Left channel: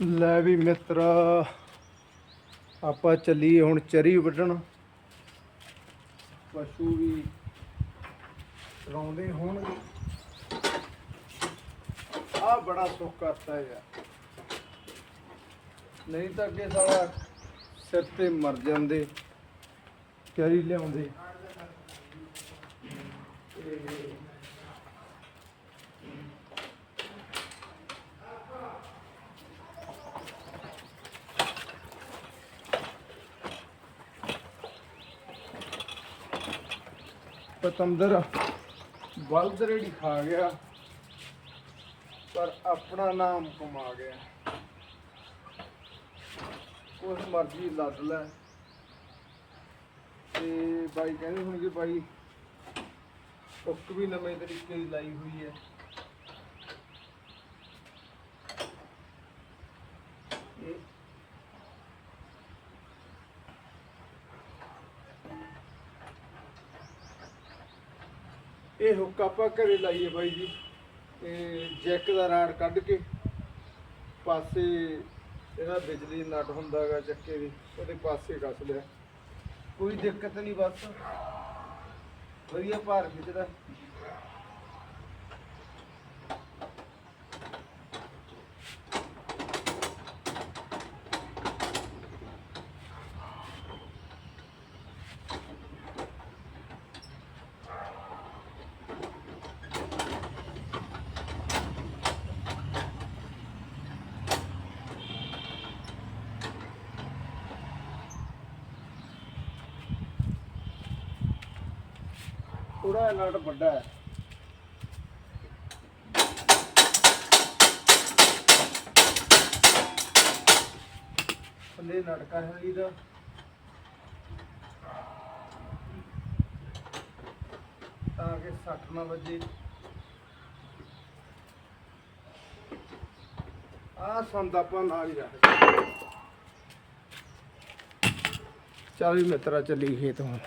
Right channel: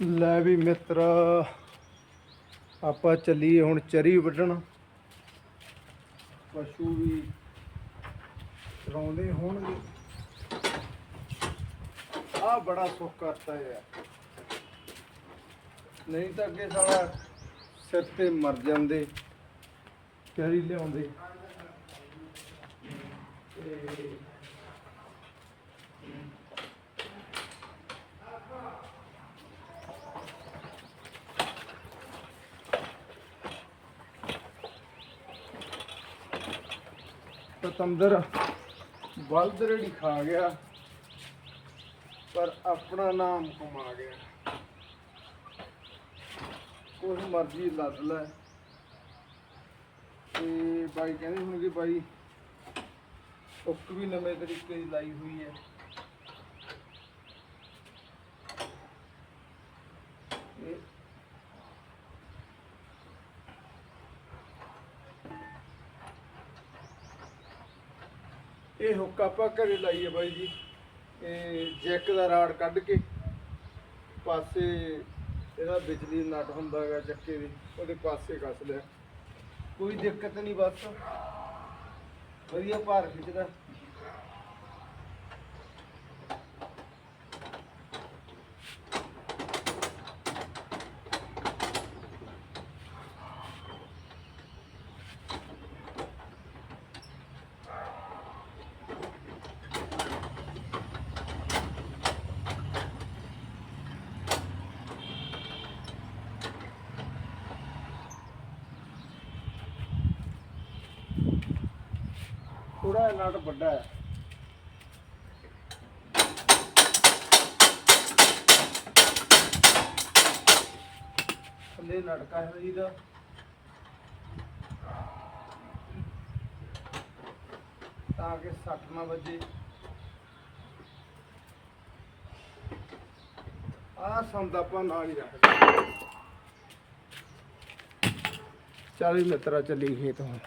ਲੈ ਵੀ ਮਿੱਤਰ, ਆਪਾਂ ਚੱਲੀਏ ਹੁਣ ਚਰੀ ਵੱਢਣ। ਪਸ਼ੂ ਵੀ ਚਰਾਉਂਦੇ ਹੋਣਗੇ। ਆ ਬੜਾ ਸੁੱਖ ਕਰਤਾ ਯਾਰ। ਨਹੀਂ ਤਾਂ ਅੱਗੇ ਸਾਲਾ ਸਿਰ ਤੇ ਮਰ ਜਾਂਦੇ, ਚਰੀ ਲਿਆਉਂਦੇ। ਪਤੰਦਰ ਬਲਦ ਰੇੜੀ ਖਾ ਗਿਆ, ਪਰ ਆਪਣਾ ਨਾਮ ਕਮਾ ਗਿਆ। ਕੁਛ ਮਰਜ਼ੀ ਲੱਦ ਲੈ। ਤੇ ਬਾਈ ਕਹਿੰਦੇ ਹੁਣ ਕਿ ਬਾਈ ਉੱਕ ਵੀ ਨਵੇਂ ਤਰੀਕੇ ਦੀ ਲਾਈ ਹੋਈ ਹੈ। ਇਹ ਹੁੱਕ ਆਪਾਂ ਘਰੇ ਲਾਈਏ ਬਾਈ ਜੀ। ਇਹ ਜੈਕ ਦਾ ਰਾੜ ਕੱਢ ਕੇ ਪਾਸੇ ਇਹਦਾ ਬਿਜਲੀ ਨਟ ਹੁੰਦਾ ਹੈਗਾ ਚੱਕੇ ਦੀ, ਉਹਦੇ ਪਾਸੇ ਕੱਸ ਲਿਆ। ਕੋਈ ਦਿੱਕਤ ਨਹੀਂ ਬਸ। ਵਧੀਆ ਭਾਰ ਖਿੱਚਦਾ। ਥੋੜਾ ਨਟ ਵੱਡਾ ਹੈ। ਥੱਲੇ ਲਟਕਾ ਹੈ ਇਹਦਾ। ਤਾਂ ਕਿ ਸੱਟ ਨਾ ਵੱਜੇ। ਆ ਸੰਦ ਆਪਾਂ ਨਾਲ ਹੀ ਰੱਖਦੇ ਚੱਲ ਵੀ ਮਿੱਤਰਾ ਚੱਲੀ ਖੇਤ ਹੁਣ।